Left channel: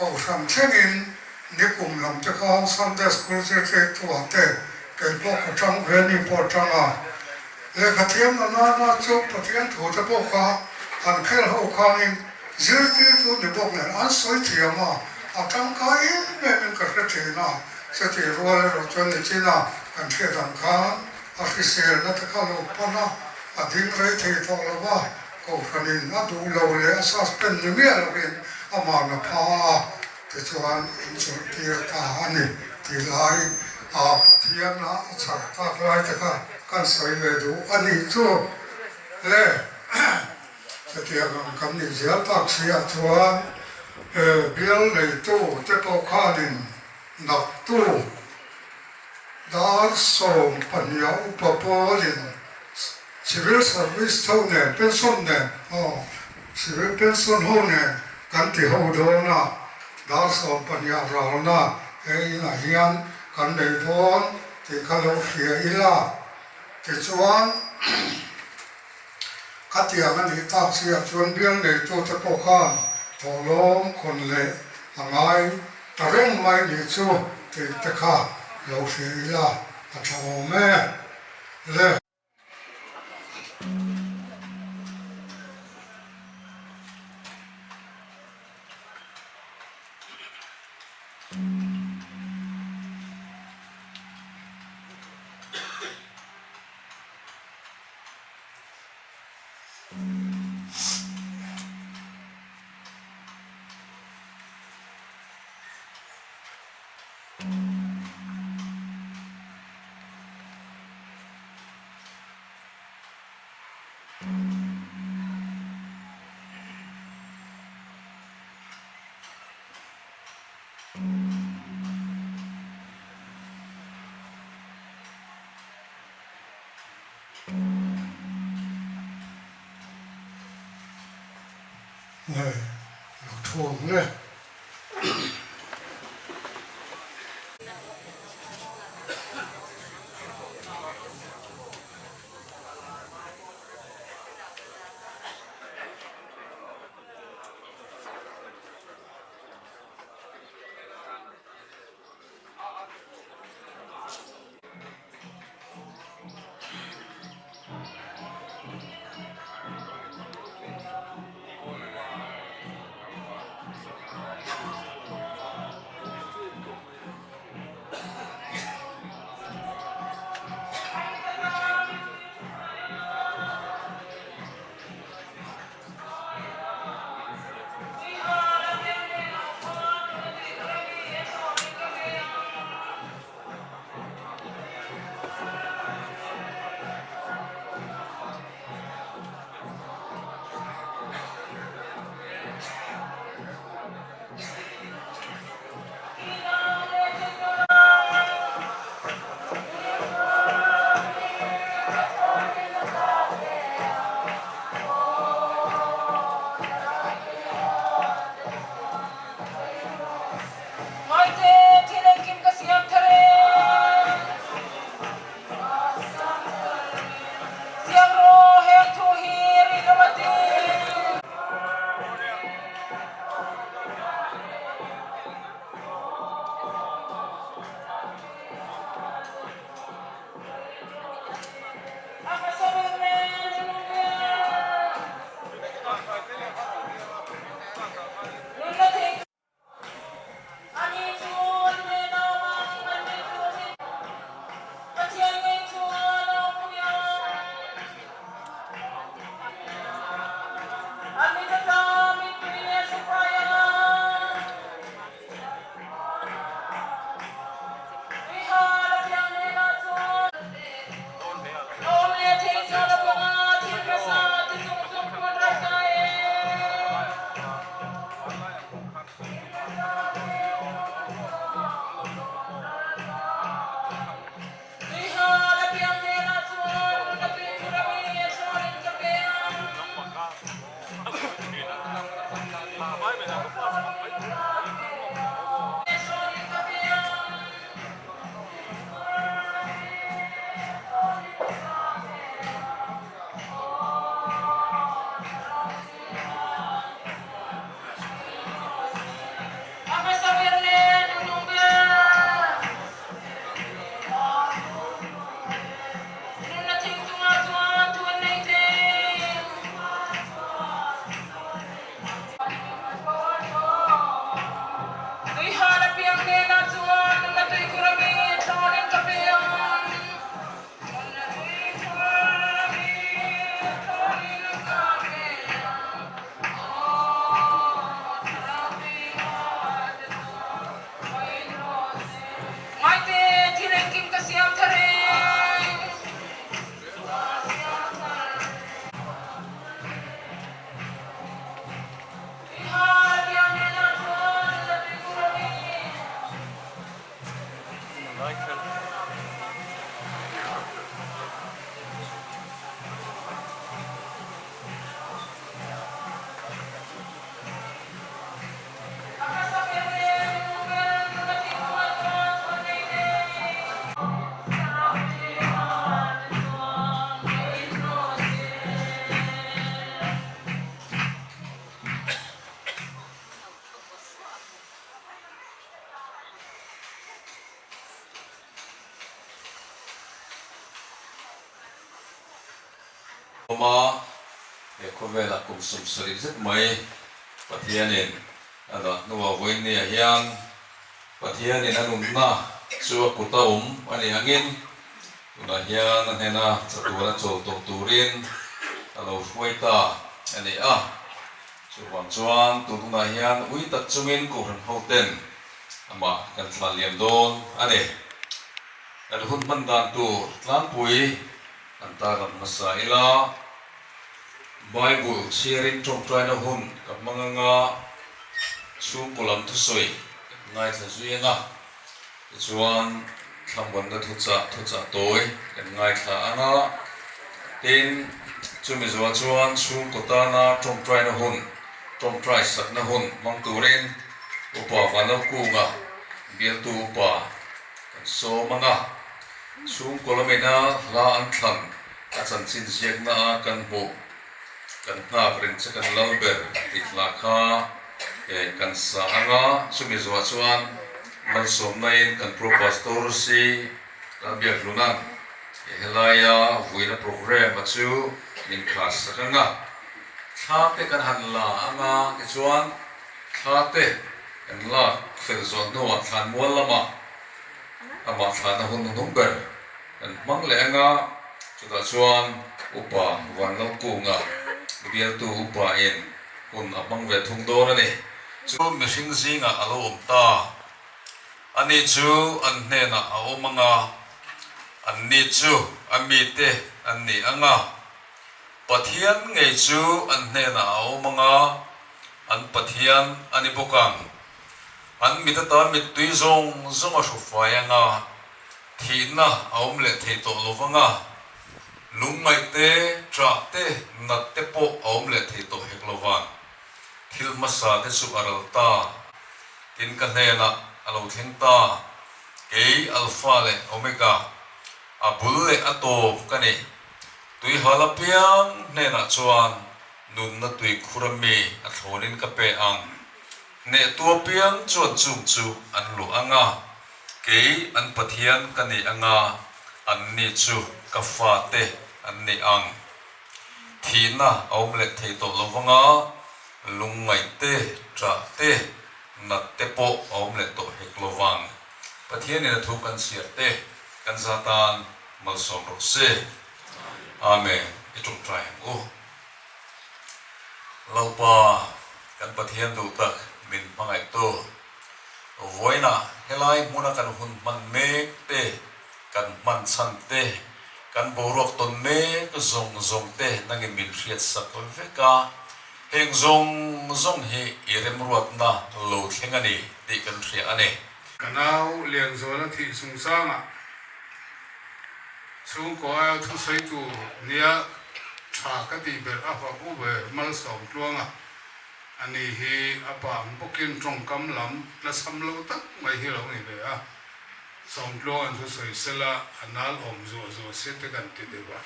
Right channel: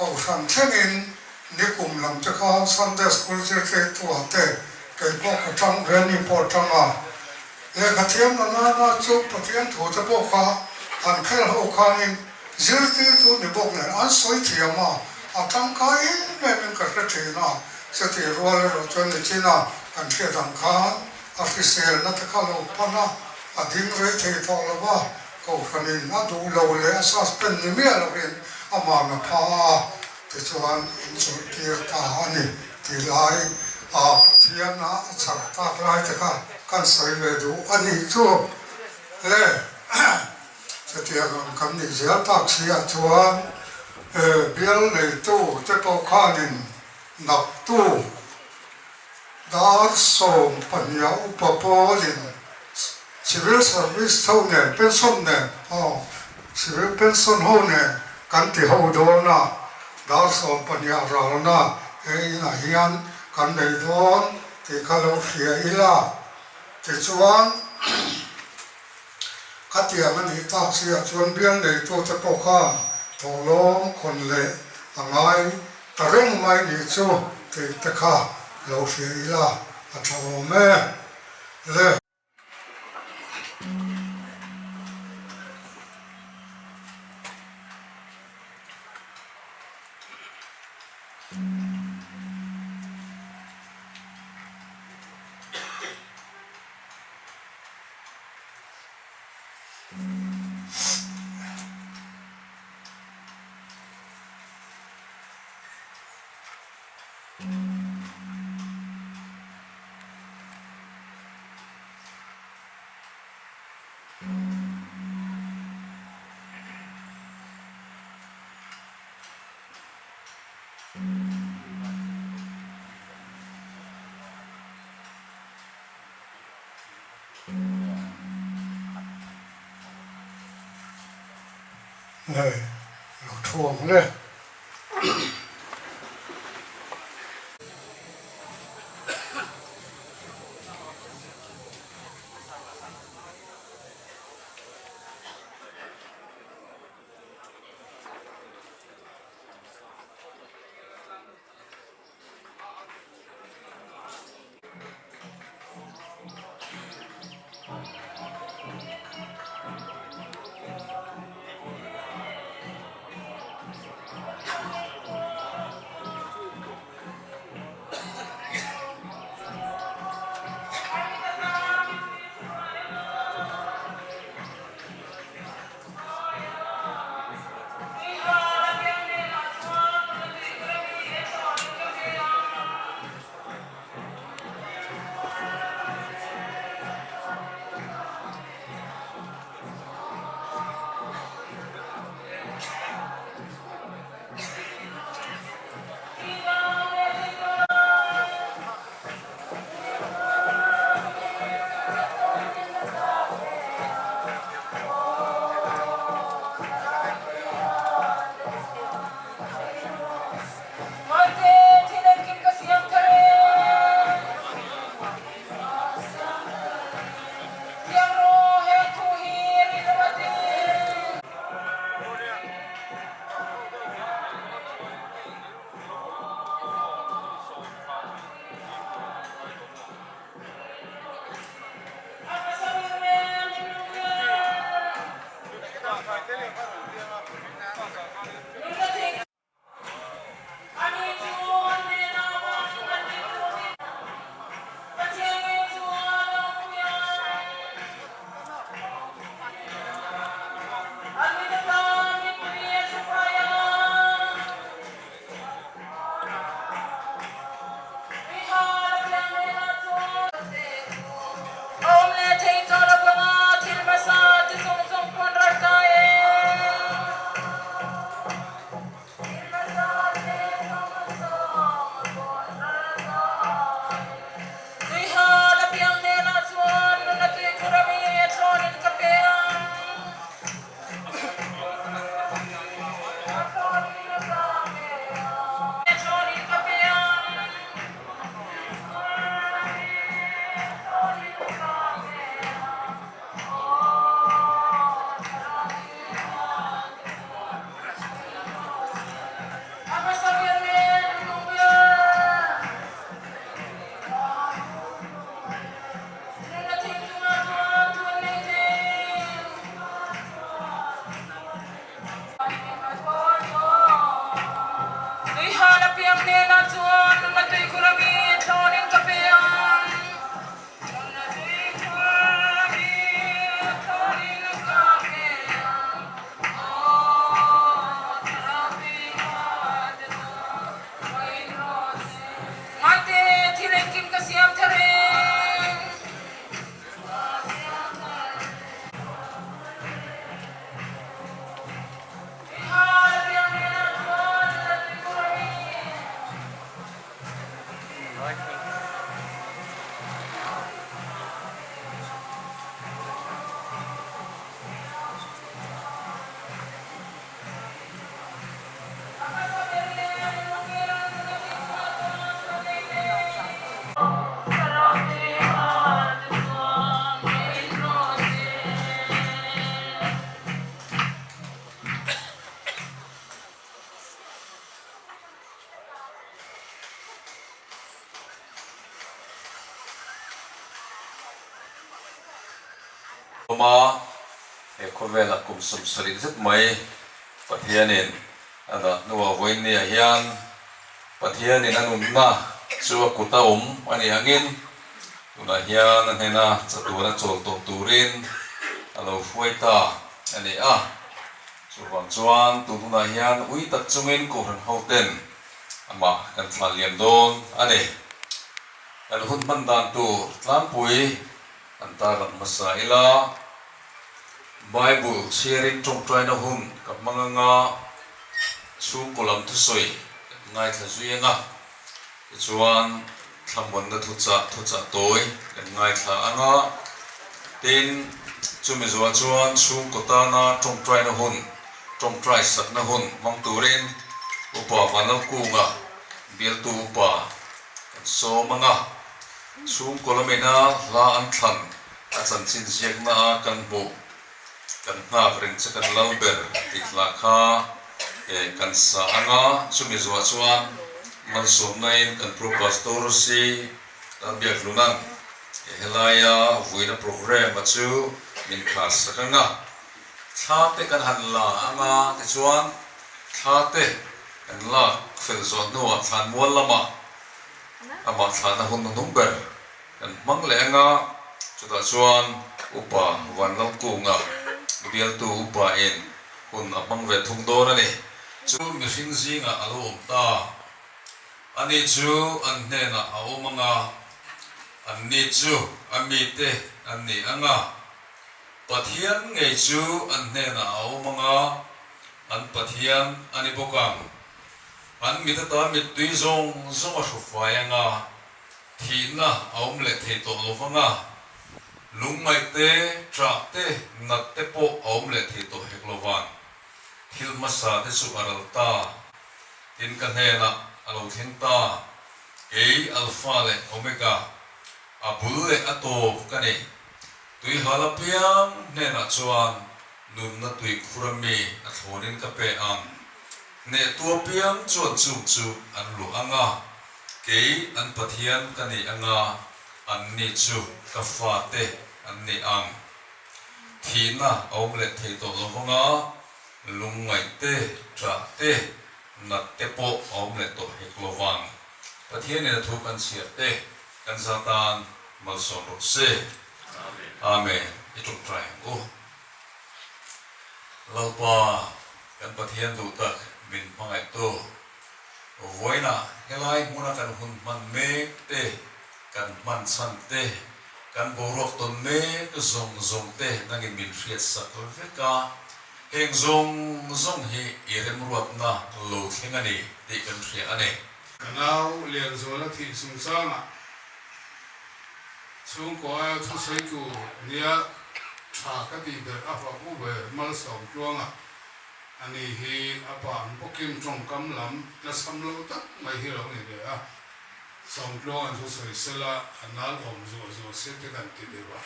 cầu sản in ni cùng làm cho con Sunday school cái tua tệ cái bộ cái trong cái ni bộ trong à le cái thiên nó chụp cái thiên thủ cho bộ khoa anh khai hậu khoa in giữ cái tu ni bộ này anh soi thiệt mà trong cái này mình cái chuyện nào sẽ thì rồi cho nên chỉ nào anh khai thằng khán khi xe nó ta khá lâu pa na dính rồi thì thôi là ba cầu phần in nó đủ lâu lẽ sao spend nhiều miếng là bên mà nó pa thì cho anh số kia ta anh thì lại thiên nó sắp ta lại thì kan sai về đủ anh ấy cho lẽ sẽ thì anh cầm đi giải tác sĩ cho anh biếng này tu cho câu khá nên nạp tu dar som panya upapolin civil service thâu nè pension nè civil pension ho nè kan ti ho do na dar som panya rao na na hian kan nei don ti khalo khia ila ti chuan khatiang ani tak sia chuan biang nei tu te po khan tholom khon le angai tareng mai ni chu ti te kha lâu phía là thằng mẹ lên này nó thuồng lên ma khove la kum sum sari zet mai pathianin ana nuwa voin ni hian pathianin anum na chu kuta ani angin tuna hian hena chatura chol to turin alo fuaita ani chuwang chuan tuna hian ui tak chungin ko ran hoten ama kan thla liam don ani kan hun man dan tu tlan pui an ta ran masaila Bible sharing trong trai na hun kap manganga sung kolam thu soi ngai thla zuyenga chuan thambon na thu cha toy ngai thla anga tin chumi zuwa chuan sung kota na trong trai na hun trong trai sak na hun mang turin upa vanal kunga bial tu upa kan so manga sung kolamena la an thlan a chan chin siak na kan bu kan hna rin che kan lalber tikla kha kan sa anga chumi zuwa chuan man som nain kan pro pastor si kan biak lunan helaya vuina program achu min khas sakanga thate kan hanla anga ke chuan thate kan la fel zon no than mual lama ama thana hun number kan mangle anga chuta chuan upa wanal kunga bial tu upa in hun apang ve thung do na ni chu mi hring zinga alo ta ani chu an hne na au manga an ni chu ami te an ni anga pathian ngei chu an hne na au manga an pathian ani bokang an mi ta mi tui zong a hru fai anga thi na aum le thei to lovanga lungai te tra te nat te po aum le thei to heklowan thil masa te su aral ta tin kan hne na alo thing ta ke alpha le omega abul le ato kani tui hala piang hne na chuan nun na tui khurami a thorin ka pe ang ne tua piang chuan chu an lu anga ke an pathian kani anga an ni chu ka fa te an ni ang thina aum le thei to lovanga lungai te tra te nat te po aum le to heklowang pathian ne thu kan sia te kan satan mal som ro se amen itum trai o laupa kan pathian du tak min pangai to voina helai muna kan hun man me te kan man chan te kan borok ton me zong te nangi min riat sakol veka heng zong hi irem ruat na lo thengani ti kan thria ane kanau lian zona thi sung sanga chung ko ai thu sei tu nia tha ka ti ber afa u be mal som tuanga ani hi apa bokin trong kam lam la sam lo tak mai hi lo ni be a som tuang thu sei sela anal om zo se te kan ti de ba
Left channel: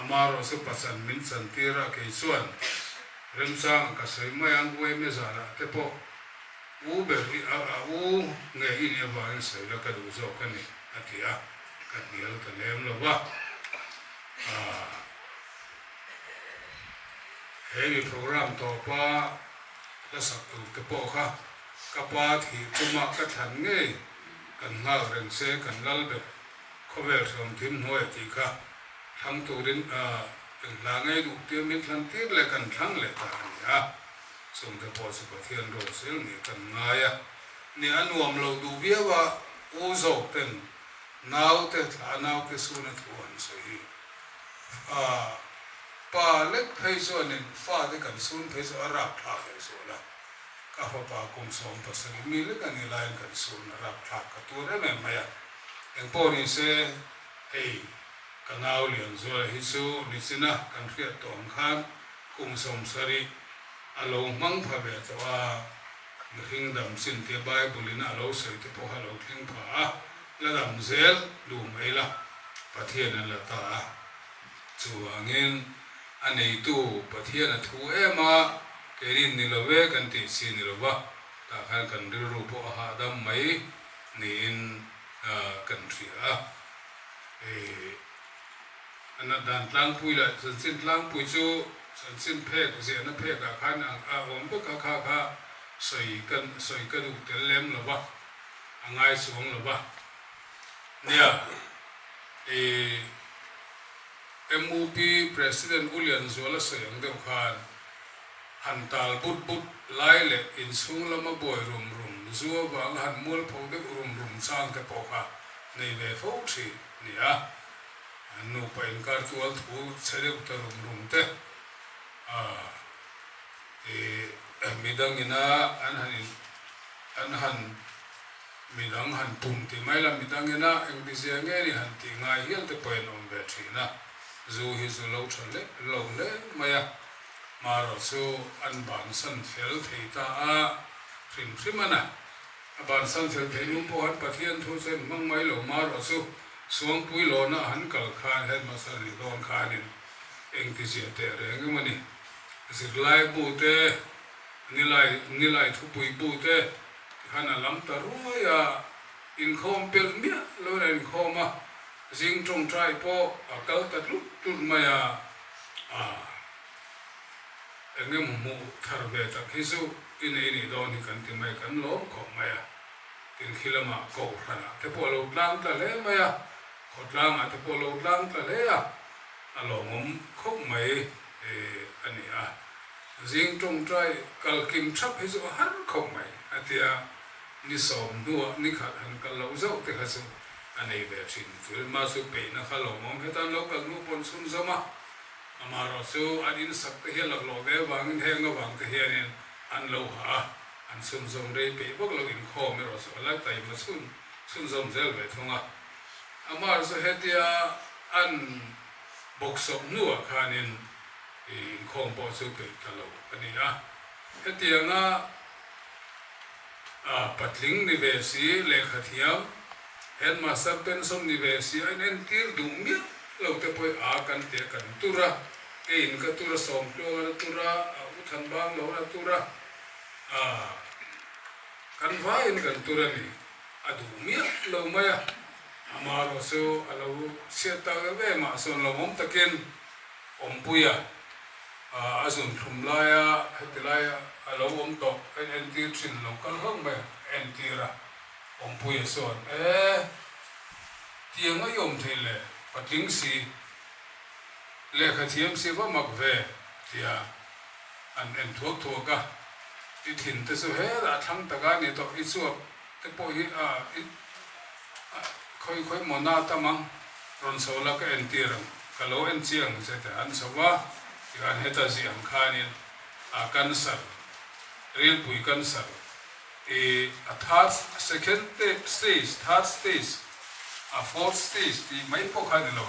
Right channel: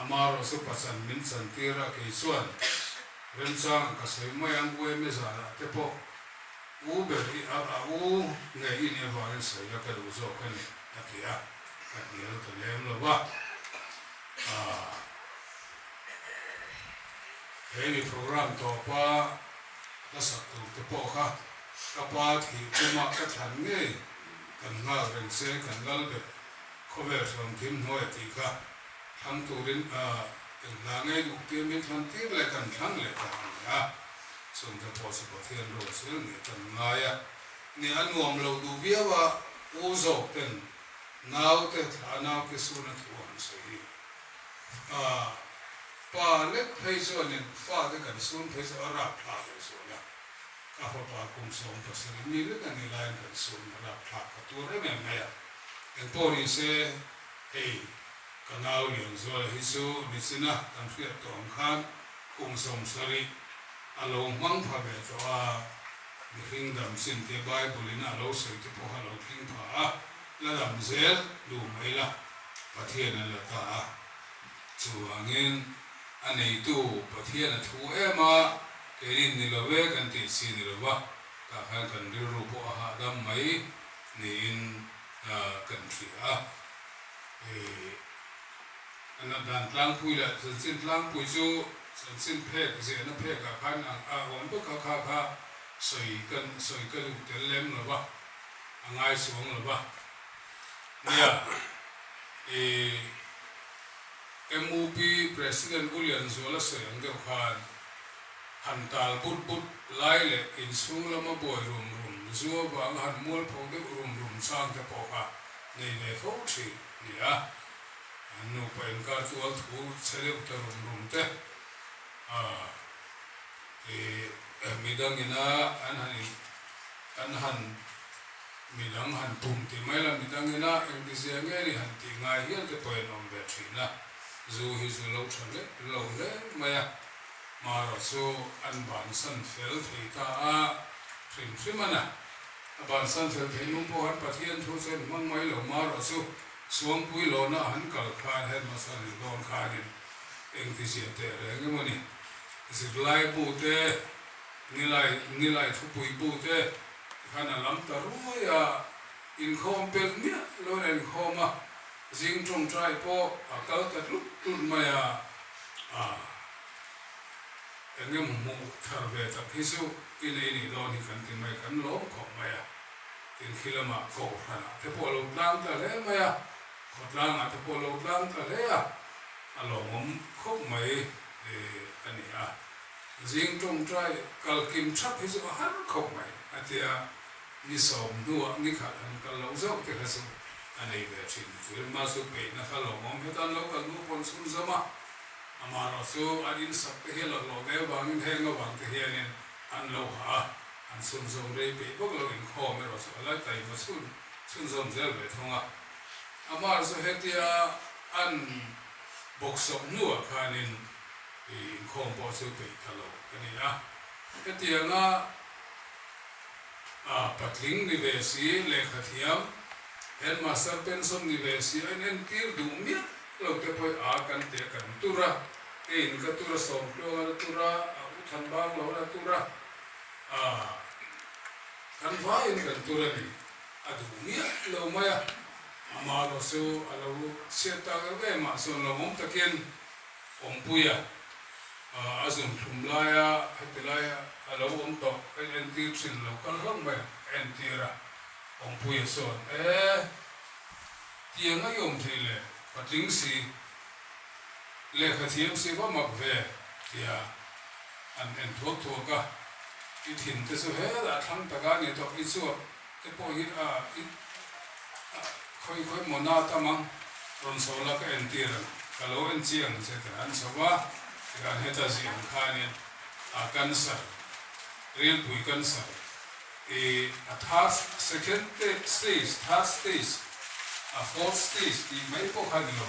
amaro se pasan min san tira ke chuan ren sang ka sei mai ang we me za te po u be u nge i ni va se la ka du zo kan ni atia ka ni lo ta lem lo ba heavy program to pa la sak tu te po kha ka pa thi kuma ka than nge kan na ren se kan lal be khover som thim hoi ti kha tham tu rin la nge du te mi tham ti le kan thang le ta ya som te po si po thian ro sil ni kan nga ya ni anuam lo du bia wa u zo ten nau te nau ke su na thuan se hi pa le phei so ne fa de kan sun phei so ara tha de so la ka ho pa kum som pa se mi le kan ni lain kan sun ara tha ka tu re men ma ya en po ni se ei kanau lian zo hi su ni sina kan fiat to ang khan kum som sari alo mang pha be to a ni hing dam sin te bible ina alo se te po halo thing pha la dam zel lu mai la pathian la ta chu angin anei tu pathian thu ema kerin ni love kan ti sin ni lova ta khan kan ri ru po ha dam mai ni in kan thria anh đàn lang pui là sản sinh lang pui chu sản sinh phê của diện nó phê cả khăn ông bất cả khá sợi cân tiền lem là ba ngay xuống là ba nha MOP President Ulian Zola sayang deu khan hantal but lai le in sung lama boy rum zuwa bang han mul phau de rum sang ke poka nei le phau thi nia nu pain kar tual thu chhere ta rum te midang ina an han midang han tum ti mai la midang ina eng ti sia nge ni han ti ngai hial te poin om be thi na zu hi zu lo chale lo le maya maro so an ban san fel thei ta a prim ana ban san fel pe nu po han pathian thu sen mang mai lo maro so suang pui lo na han kal khan he ma sa ni lon khan in eng ti sia te re nge mani zik lai bu te nilai thu pui bu te khana lam ta ru ya in khom pel mia lo ren khoma jing trong trai po kal ta lu maya engem mu thar be ta khisu in ini do ni kan ti mai kan lo khom maya tin khilama ko khana te po lo lang ta le maya khot lang a te po lo lang ta le a alo mom khom mai ani a jing trong trai kal kim chap hi zo har khom mai atia ni som duwa ni khat han kal lo zo te khasu anei be chin tu ma su pe na khalo mom he tan lo kal nu pon sun zama amaro su adin sak te he lo de wang in heng wang te he nen an lo ha an sun zom re pe bok lo in kho me ro so la tai ma sun zom zel be thonga amar so he tia an bok som nu a khanin in khom po su pe thalo ani a he tia nga patling ni ve si le khathiam headmaster pension ni ve si en kir du mi lo te poi a kan te kan tura in ka tura som plo na tura u than bang lo na tura kan va in kan tura ni adu mi lo maya amaro so alo se ta ve ma so lo mom takin om puya azun thumlaya hetilaya alo om to en kir chin lo kan hong ba en tira om puya son tiếng ấy ông thì là và tiếng gì lệ khởi thiêm gì có mặc về thì anh thuốc cả thì thìn tới số hết là thằng ta cái này tôi ít số cái bôi khơi món nào ta mang rồi sau là cái anh tiền cái lỗ anh chiang sẽ thế anh sau đó thì anh hết ta gì anh khai nên cancer real bụi cancer third second stage third stage fourth stage thì mấy bộ hai điều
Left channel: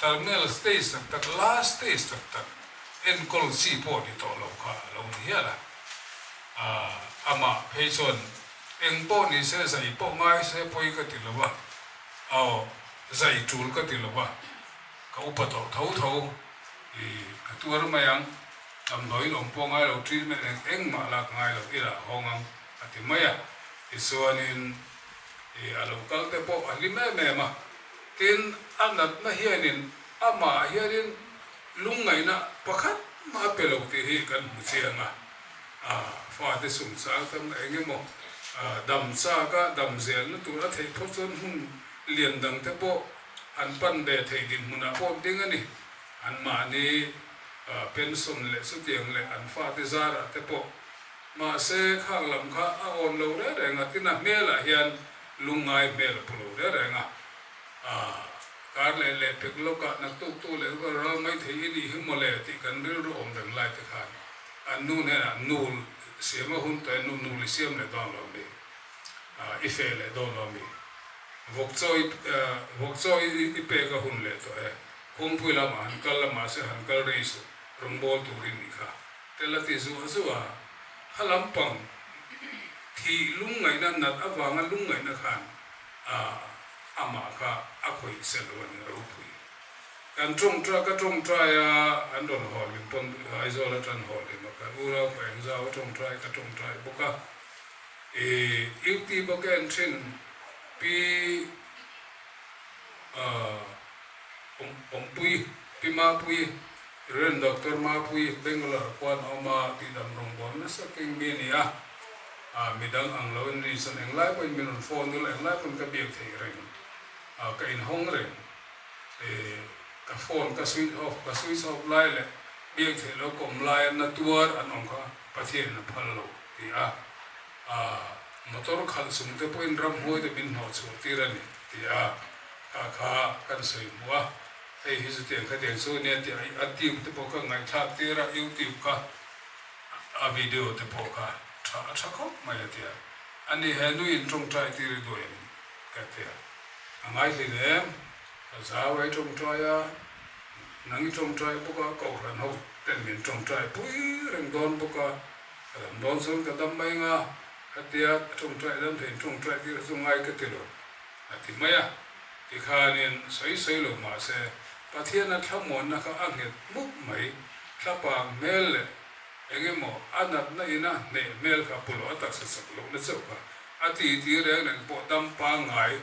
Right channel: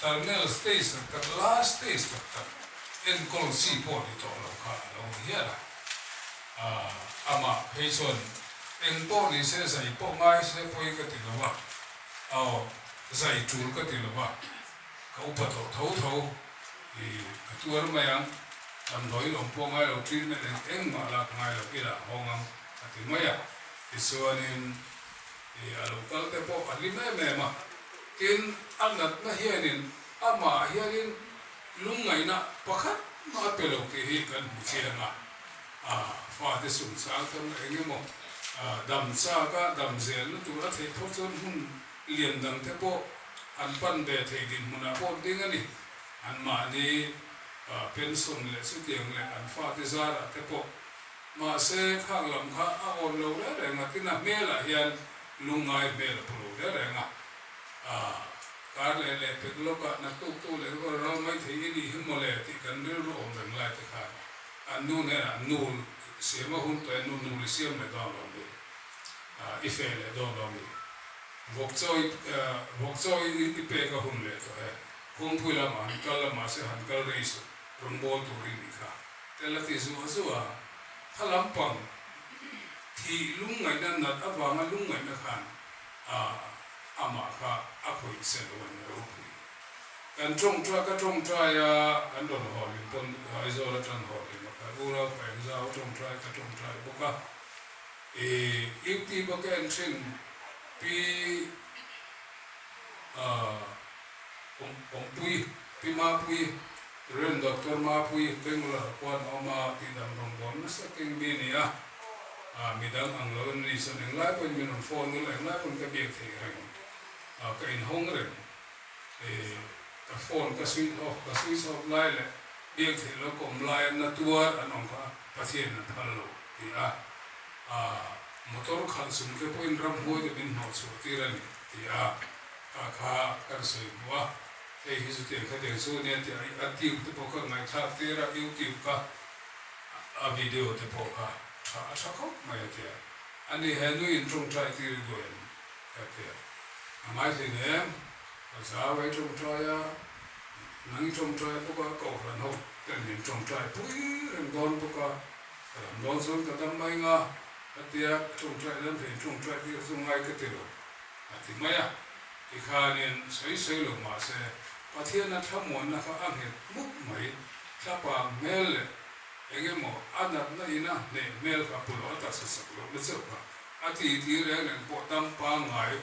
terminal stage tak last stage tak en kol si po ni to lo ka lo hiya la ama peson en po ni se sai po ngai se poi ka ti lo wa zai chul ka ti lo wa ka upa to thau ka tuar mayang am noi lo po ngai lo treatment eng ma la ngai lo ira hongam ati maya isuanin alo kal te po alime me ma tin anat na hianin ama hianin lungai na pakhat ma pelo ke hi kan muchianga fa te sum sa kan engemo dam sa ka dam zel na tura thei thoson hun lian dang te po an pan de thei din muna po ding ani an ma ni pension le su tiang le an fa te zara te po ma se khang lam kha a on lo re ngatina mela hian lungai mel pulo re nga kar le peklo ka na tu le ro mai thei ni himole ti kan ri ro om dang lai te khan anu ne nul siama hun to nul siam le ba lo le ife le do lo mi vokchoi i pe ka hun le to hum pui la ma han kal la ma se han kal re su rumbol tu ri mi kha te la ti zu halam pang thì lungai na nat awanga lungai na khan ama ka akoi se lo ni ro pui kan trong tra ya an don ho li pon ai zo la tran ho li ma ka ura pa en za trong tra boka ti ba kan thin pi ông pui pima pui ren doctor ma pui Bangalore quan oma ti dam rong bon na sa ting mi ni midang ang lo ni son ang lai poi min phone no lang lai pun ka biak thei reng ka in hong reng ka phone ka switch off lai le biak thei lo kom lai na tuar an ong ka pathian na phal lo ti motor khal sum ke point ram hoi de bin ho chu ti ran ti kha kan sei bua ei hi zu tiang kha tiang su ne ti a tube te po ka ngai tha ti ra YouTube ka a video te po ka tha ko mai ti ani he nu in trong trai ti ri do en ka ti angai ti ne a za wai trong trai nang trong trai po ka ko ran ho ten min trong trai pui ren don po ka ran don sun ka dam mai nga atia trong trai dam phen trong trai ti su ngai ka ti do ati maya ti khanin sei lo ma se pathian na thamon na ka anghet muk mai thapa mel engemo anat na ina ne mel ka pulo ta sa sa lo le so pa ati ti reng nang po dam pa ngai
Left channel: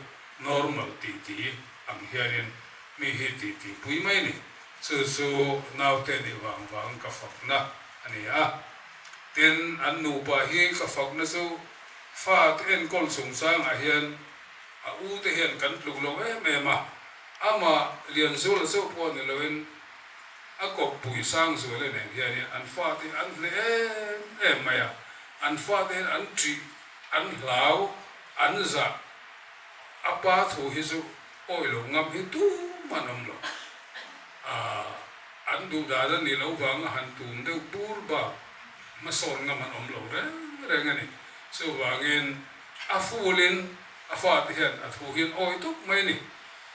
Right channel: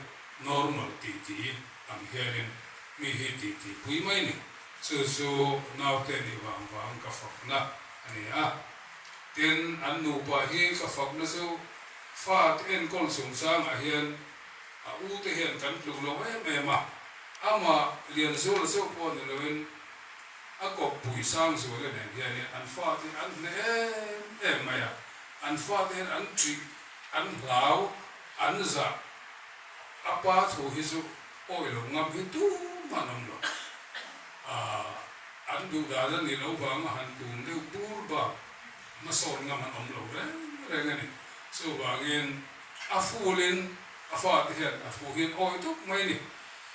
normal ti ang hianin mi he ti pui mai ni su nau te ni wang ka fak na ani ten an nu pa hi ka fak na so fa ten kol sung sang a hian a u te hian kan lu lo me ma ama lian zo la so po ne loin a kop pui sang zo le ne hian an fa te an le em ma ya an fa te an tri an lau an za apa thu hi zo oi lo ngam hi tu manam lo an du da da ni lo wang han tu de bur ba ma son ngam an om lo re ngani so wangin a fulin a fa te hian a thu hian oi tuk mai ni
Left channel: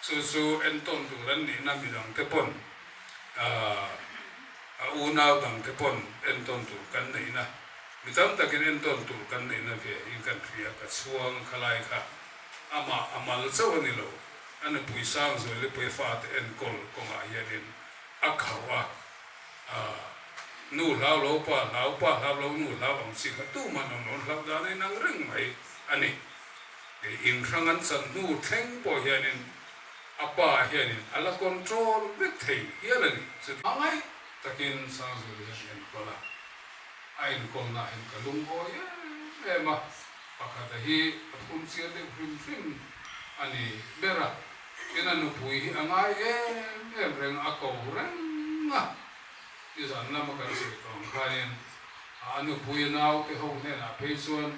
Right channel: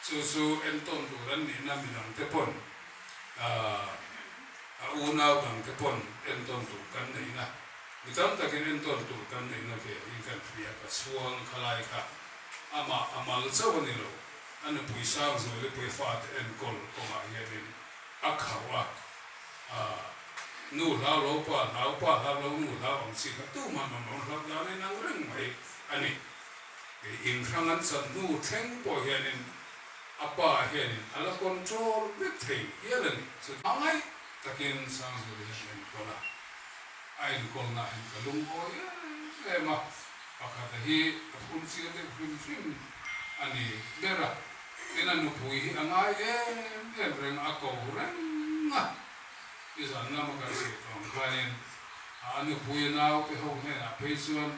so en ton tu ran ni na mi dang te pon a u na dang te pon en ton tu kan nei na mi tam ta ken en ton tu kan nei na ke in kan thria ka suang khalai ka ama amal chaw ni lo an pui sang zo le pui fa te en kol ko ma hian a khawa nu lao lo pa lo nu lao ang si ka tu ma no lao da ni nang ring mai ani in khangan san nu theng po hian apa hian ala control bit thei hian ani so angai takin sang zo le hian kola ain kol na en kalum o ye ma pakata hi apun si de prim ani bera ina nu pui angai reng ako reng izan na ma kan se tong kanin anu pui nau ke ho me na peisuan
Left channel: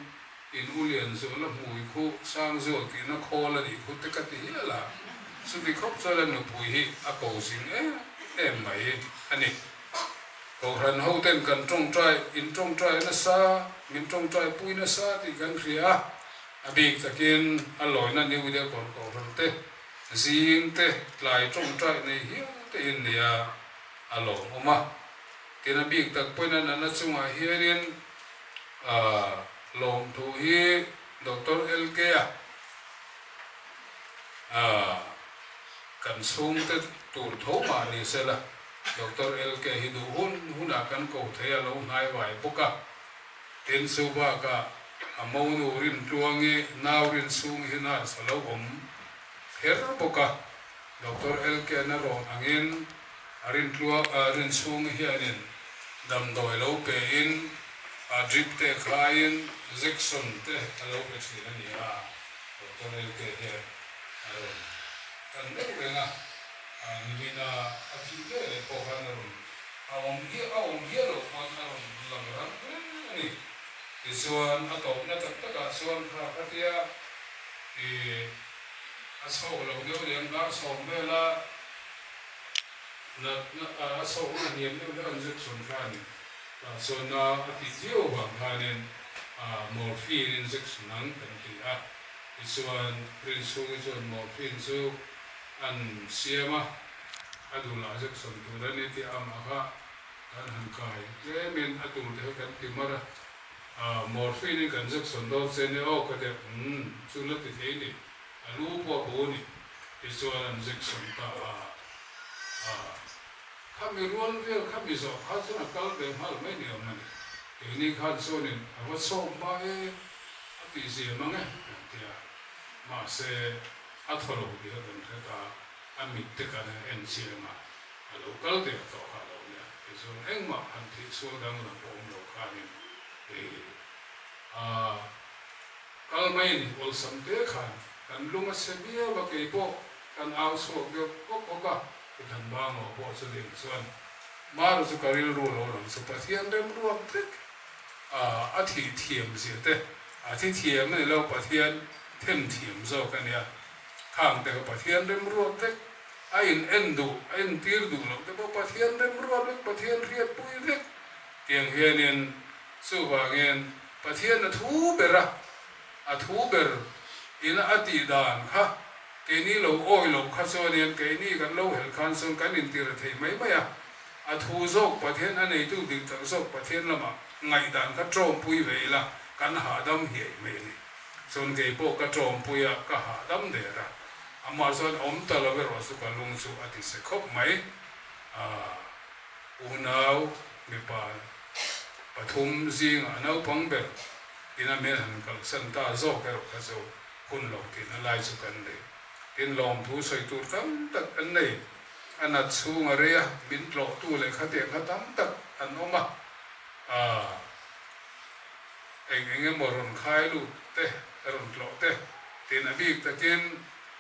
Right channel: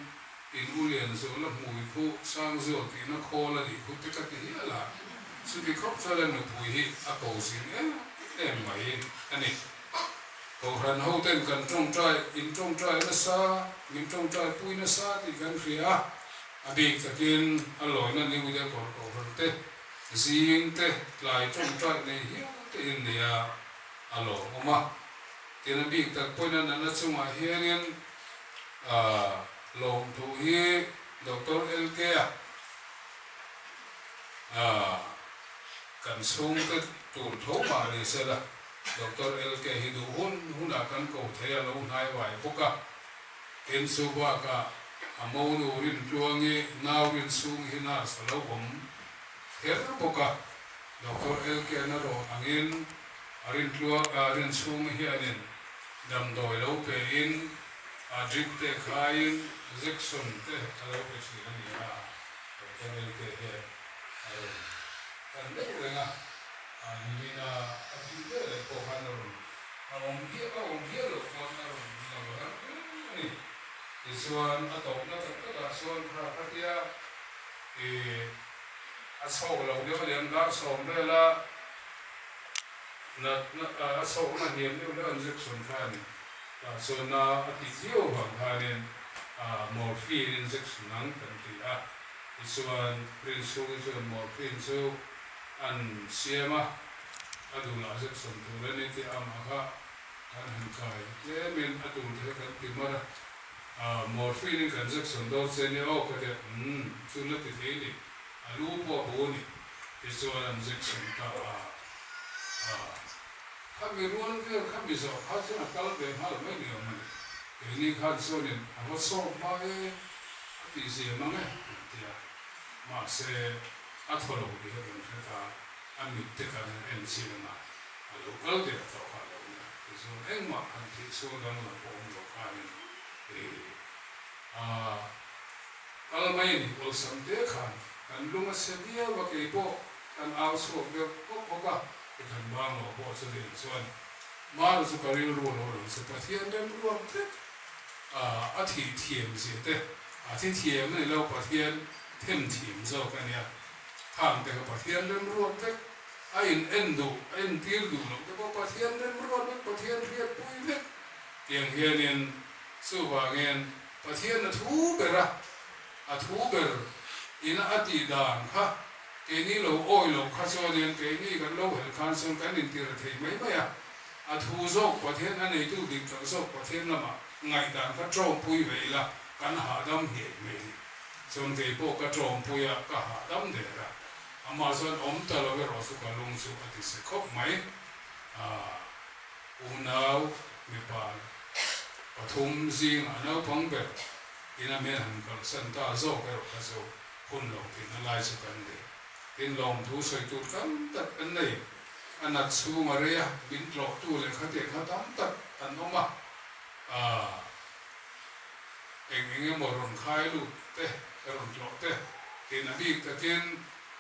in ulian zo la mui khu sang zo ti na khola ni khu te ka ti la su ti khop so la nu pui ako sin mai ani ko ran ho ten kan trong trai in trong trai na sa min trong trai pui na sa ti kan ria abik takin aloi na ni wi de kon ko ran te zing te lai trong trai nei hi te in dia alo oma kena big tak poina na chunga hianin lom thu hi Dr. LK kan sung te tu tho ma ni se la Dr. LK hi du hun kan ko the lo nai wai poka ten su ba ka amau nu rin tuangi nau rin sung hi na salo om her poka Dr. LK na ro angin arin tua arin sung hianin dam doi lo pe in drip te khain injection te alo ke si ani to el ke he aro kan de renga ni bina afi de le ko hanaro awam hi lo hanaro la ni isuan ato na tak suan kha khatia aso lo de le ngar so bela na so ma niam ne na injection khan so na ati zio bang khanen morphine injection nang kan ti isuan prinsu so morphine so an siama adu la injection tu ne ti amaka an han kai je min atu de kan ti mara morphine injection do se ne o ka de chu la ti ni alu po bo ni isuan injection ka kami ruang dia kami so hasil akal dia hal mana yang mana ini kan so ni apa so mai api si mana dia masih atolo dia kan kata อันมิตรกันเอ็นเชียมาเราก็เดี๋ยวต่อเราเนี่ยส่วนเอ็งมาอันที่ส่วนดังเราผมเราขานี่ก็ไม่นี่อุลสัมเดขันกันลุงเสียเบี้ยว่าเกี่ยวกันเอาสุกเดียวก็พบว่าทำบ้างเราพอสุดที่ส่วนมาเราสุการิรู้เราสุปฏิยันเริ่มรวมเด็กอาทิเทียมเสียเด็กอาทิเทียมนี่เราปฏิยันเทียมเทียมโซกันเนี่ยทางแต่ก็ปฏิยันเริ่มรวมเด็กไอ้เอ็นดูไอ้ตีร์ดูเราแต่ก็ปฏิยันเริ่มรวมเด็กปฏิยันเรียบปุยเด็กเตียงเฮียนินสู้ว่าเงินปฏิยันทูเบระทูเบรอินอดีดานฮะเกนี่เราโอ้ยเราขัดโซเนียนเกนี่กันเราเห็นการส่งกันอินทิระเทไม่อะทูโซกปฏิยันอันนี้ดูดิบโซกปฏิยันละมาไงด่านก็โจมปุยเวล่ะกันหาดำเหี้ยไม่นี่ส่วนเกี่ยวกับก็โจมปุยก็หาดำเดือดอามาส่วนอมตะเราเวรสุกันลงสู่อธิเสกบไหมอุณาวมีปานปฐุมจิงอันเอาพังเบลอินาเมหันกัลสันตาโซเกรกโซคุณเรากินอะไรสุกันเลยกินลมทูใส่ตูดกันตัดอันนี้อันนั้นสูงอะไรอ่ะบินหลอกตู้เลยขัดเตียงขัดตั้มตัดอันนั้นมาเองหมดรุ่นขายลูกเต้รุ่นหลอกเต้ทีนั้นบีตะกิน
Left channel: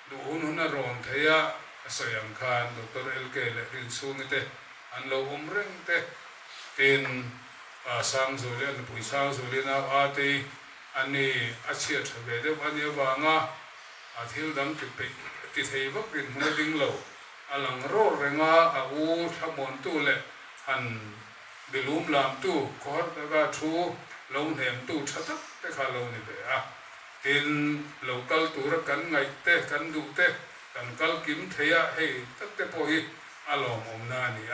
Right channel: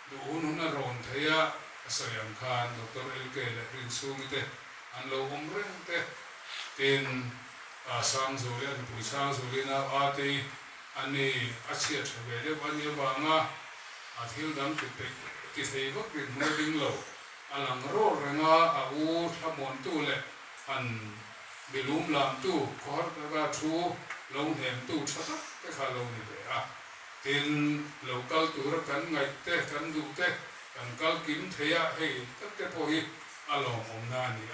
ดูหุ่นรุ่นเทียสยันคานดร.เอลเกเลหินสูงเต้อันเราเร่งเต้ทีนสังสุรินปุยสังสุรินาอาทิอันนี้อาเซียนเวเดวันนี้บางอาทิตย์ดังติดไปติดเหตุกินมือดิ้งเราอันหลังโรดแรงอาวูทำมนตู้เลยอันเบลูมลามตู้คอร์ดก็ทูลงเหมตู้ชัดๆไปข้าลงนี่เลยทีนเราเกลตัวรักกันไงเตะกันดูเตะกันเกลกินเทียให้ตั้งแต่พอฮีอารมณ์องนานี่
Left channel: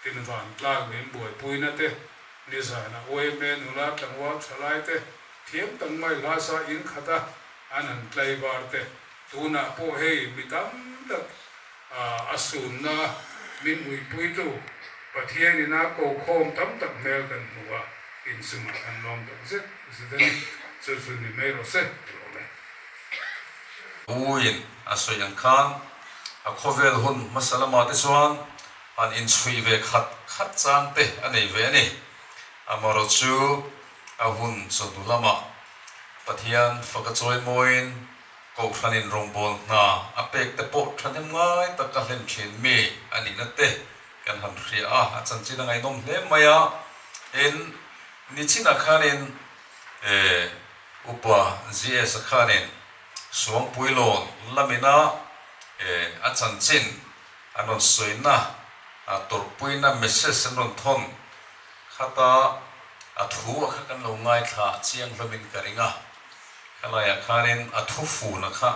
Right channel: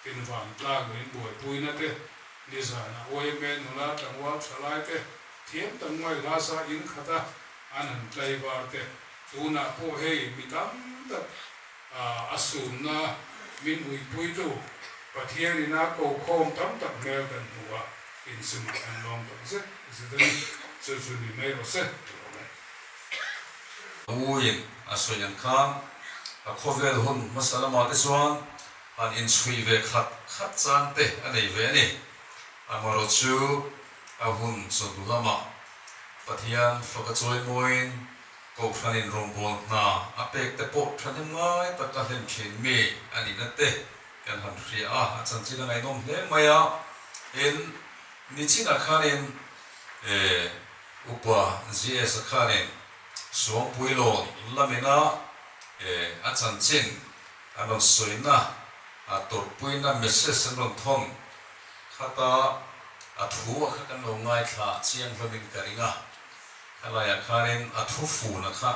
ทีนฝันกลางเหมือนบวยปุยนั่นเตะนิสานะโอ้ยเมนุลาตังวัดสลายเตเทียมตังไม่ลาสาอินขัดอันนั้นใจบาร์เตตูน่ะพอให้มีตั้งแต่อสูรนะมีมุยปุยตูปะเทียนี่นะโกโคมตั้มตักเมลกันหัวอินสมัอันน้องตักเสร็จสุดนี้สุดนี้ไม่รู้เสร็จอุ้ยอาศัยยังข้างขบเวลหุ่นมาสลามาติสวานอันอินสวีเวขัดจานเตอันนี้เวนี่อามารจูอาหุ่นสุดลามาปะเทียนฟักจอยมวยกูฟันินรองบอลนาอาเป็กแต่ปกทันยังไงตะกันเล่นเชนมีอันนี้นั่นเตกันทำเสียอาจารย์จีนังไงน้องเล่มายาเอ็นนิชินักขันินอุปจีเอสขันินสวงปุยโลลามินาอาจารย์จินอันนั้นสวยนะตัวปุยน่ะเมสเซจนนทนข้าตาทูข้ากันลงง่ายค่ะเชียงพมิงกันง่ะอะไรข้านินทูฟูนะคะ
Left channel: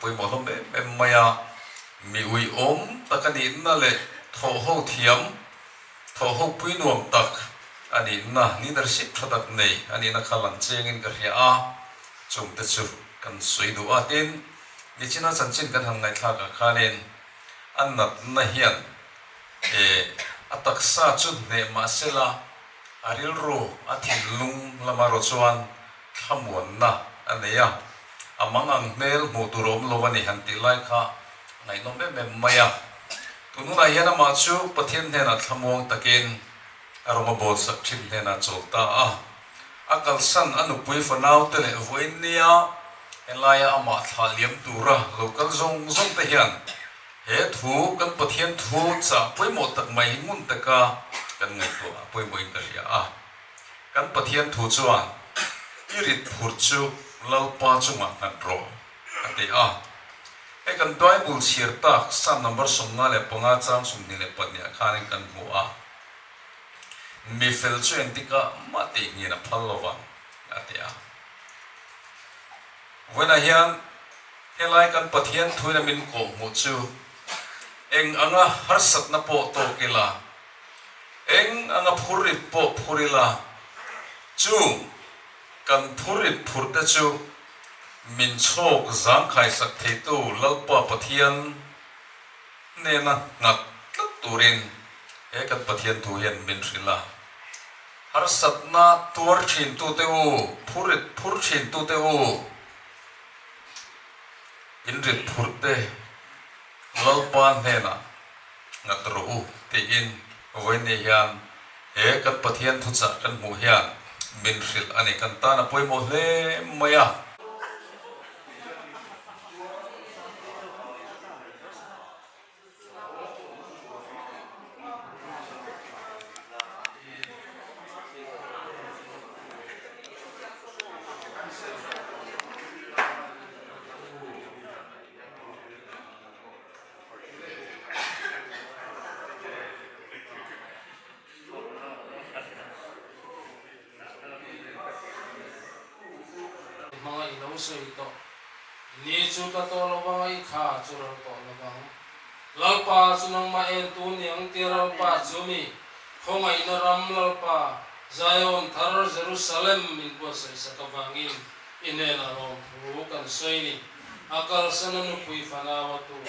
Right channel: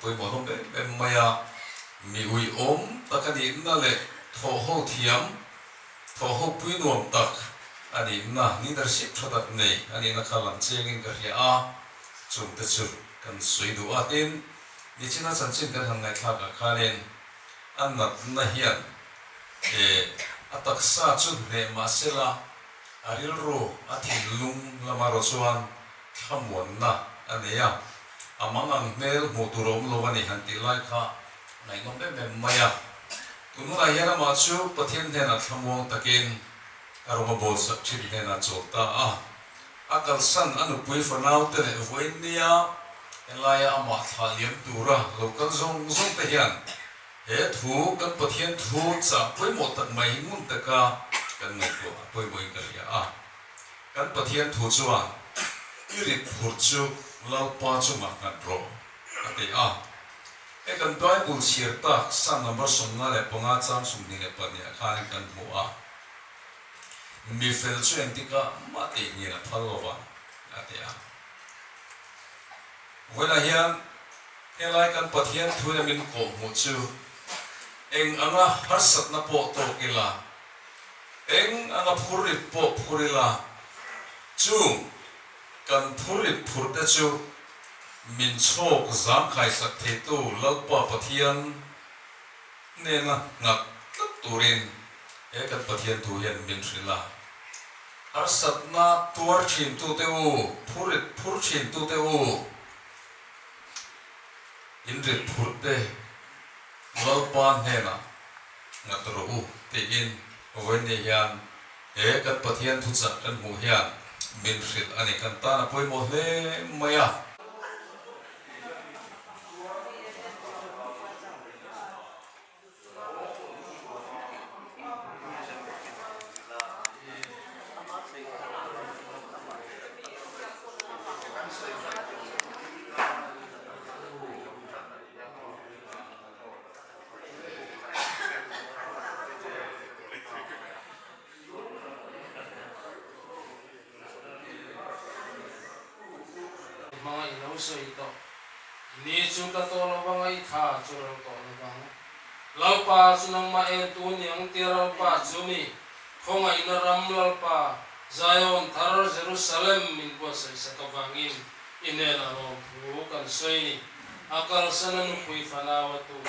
ปุยบอกว่าเป็นมายามีอุยอมตะกันดินนั่นแหละทอหูเทียมทอหูปุยนวมตักอันนี้นะนี่ดาร์ชิพระดับนี้อันนี้นักขันเชียงกันเฮียจงเตจุกันสวยดูดินยิ่งน่าสนใจกันทางในทางข้านินอันนั้นน่าเฮียนอัตษาจุดเนมาเซลาอาริลโรอาทิลุงละมารสวนขมวนนะอันนี้อามังอังเมลมูตุรมโลวันนี้หันติไลค่ะในน้องเบมมายาตุนุนายนามาชูปะเทียนเทนัขมวงตะกินอารมณ์บดสักชิบเทนัโจตาอากัลสันอนุปุยฟนาวเตเนเวเนียเอลายอามาทาเลียมตูระโลกันซงเทียนทูกันปะเทียนทูจะปุยหมดตักไม่มุนตะกากันเงตัวปุยบุยกันยากันปะเทียนทูจวนอิริพูดจูเล่าป้าจุมานันโรอันที่ไอ้กันไบเบิลเชียร์ตักสันนัมเบอร์สองนั่นแหละปงอาจารย์สมนี่แหละปัญญาข้านี่กันหัวมีเฟลช่วยที่ก็มาตีนี่นะพัลโลวันอันที่วันนี้เฮลัยกันปะเทียนทุยมินโกมุจูเอ็งอังอาฮัสต์นับโปโตกิลาเอ็งอังอาพูริโปพูริลาจูกันพูริพูดจูมินโชกจามไข่สักเทตูเล่าปะปะเทียนเนี่ยนะงัดตัดตูรินกันปะเทียนทุยมินริลาฮัสต์นาตัวชินตูเตอูพูริชินตูเตอูอินริพูดเต lalpan hena ngatru te in voini hian he kan pathian thucha kan mu hian min hril ani kan ta na poimo hle maya mga inuso ito. Inichuta to labang ay ka churang to labang. Lalpa sunang maentuni ang tiralpa jumi. Kung ay naram lalpa Zion thar Jerusalem min po sa kabangin. Inela ro bukan soini. Akal sanan pui fanawatu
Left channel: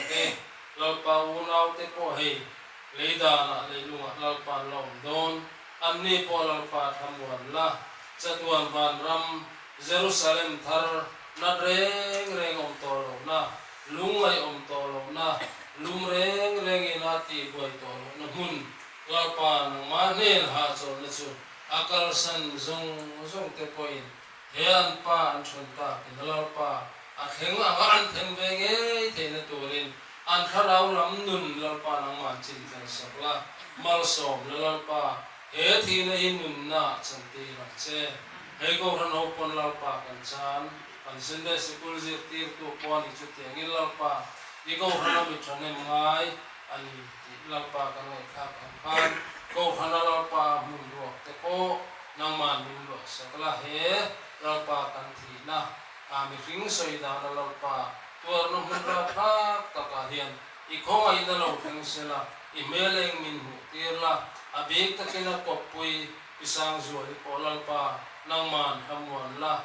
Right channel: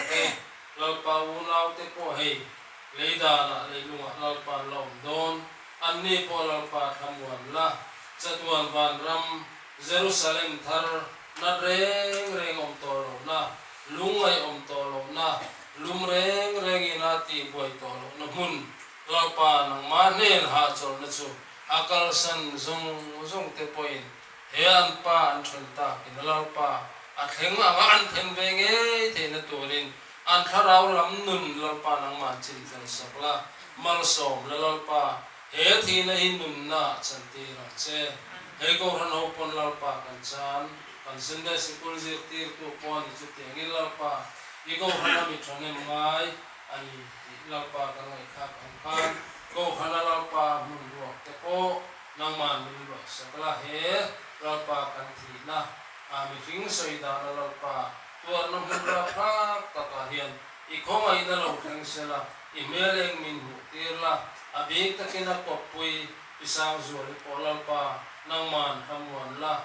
lalpa unaw te po hey. Leida na leilunga lalpa laom don. Anni po lalpa thamuan la. Chatuan van ram Jerusalem thar na reng tolo na lungay tolo na lumreng inati boy tolo na mun lalpa ng manen hatso na su akal san zong tepoin hean pa an chunta kinalalpa at henga ang anten benge te na turin an tharaw lam nun lalpa ng manchil kan sakla malsom na lalpa he thi na hinun na chantira che Ego ran open lalpa kansan kansinde sikul zirtir tu pon ichuti angin lalpa ego ran mitone mai ani lalpa kanai khap ampan go ran lalpa munro teko nang man munro sakla he lalpa kan thina ami fing soida lalpa tuar no munro khap takahian ikhong ai da lo thang sela imeleng min hu tirla abik takina kopui isang zual po lalpa nang man hamuan la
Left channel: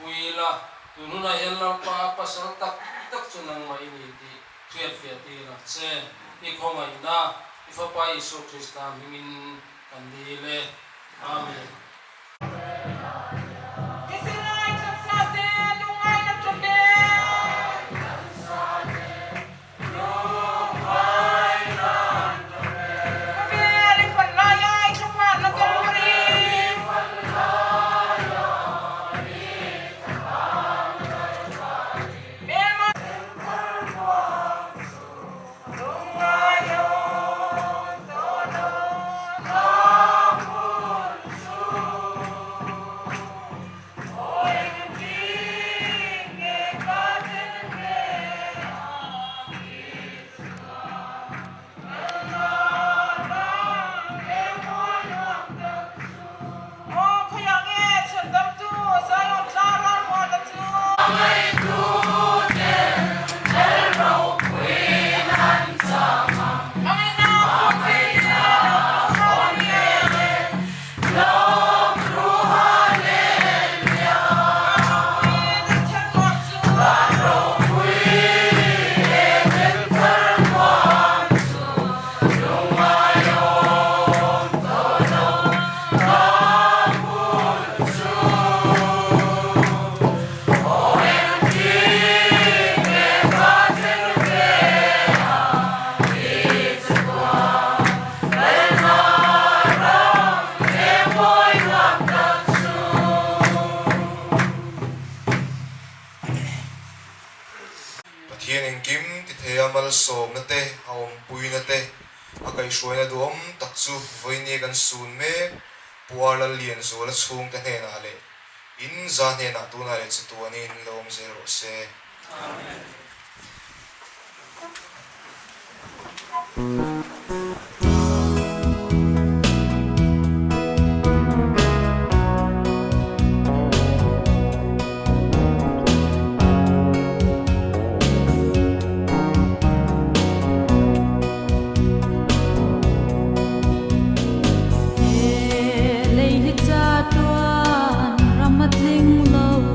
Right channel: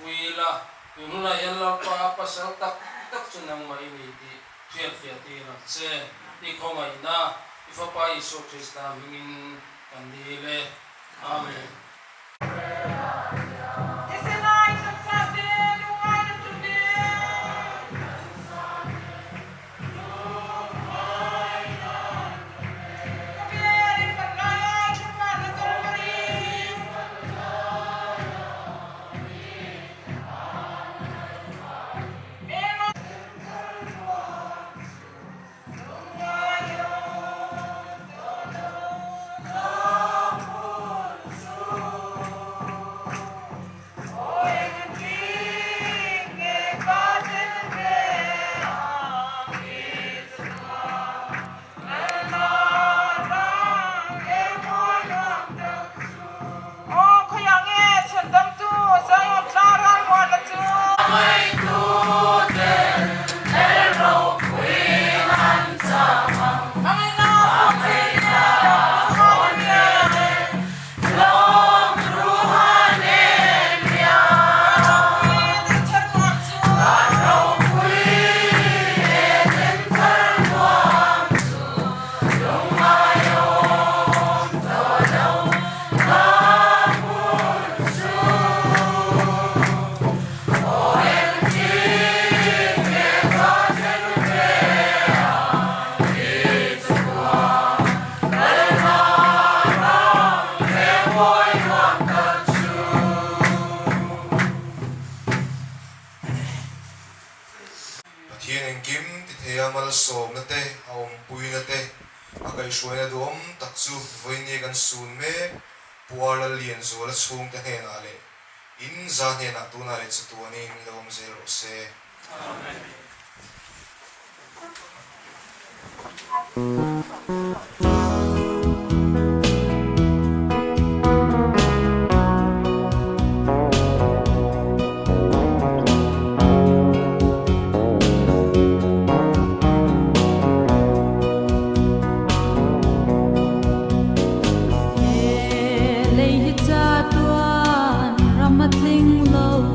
pui la tununa yan lalpa pasal tak sunang mainiti fiat na se ikho mai na ifapa Isu Krista mingin kandile amen. Som na te aom pui na te akai shuai na duam takchu voini kan sun me puala lian zo la chung ka he na le in za he na tu na le chu tu ani in lom zero se amen. Tuan ramatling lo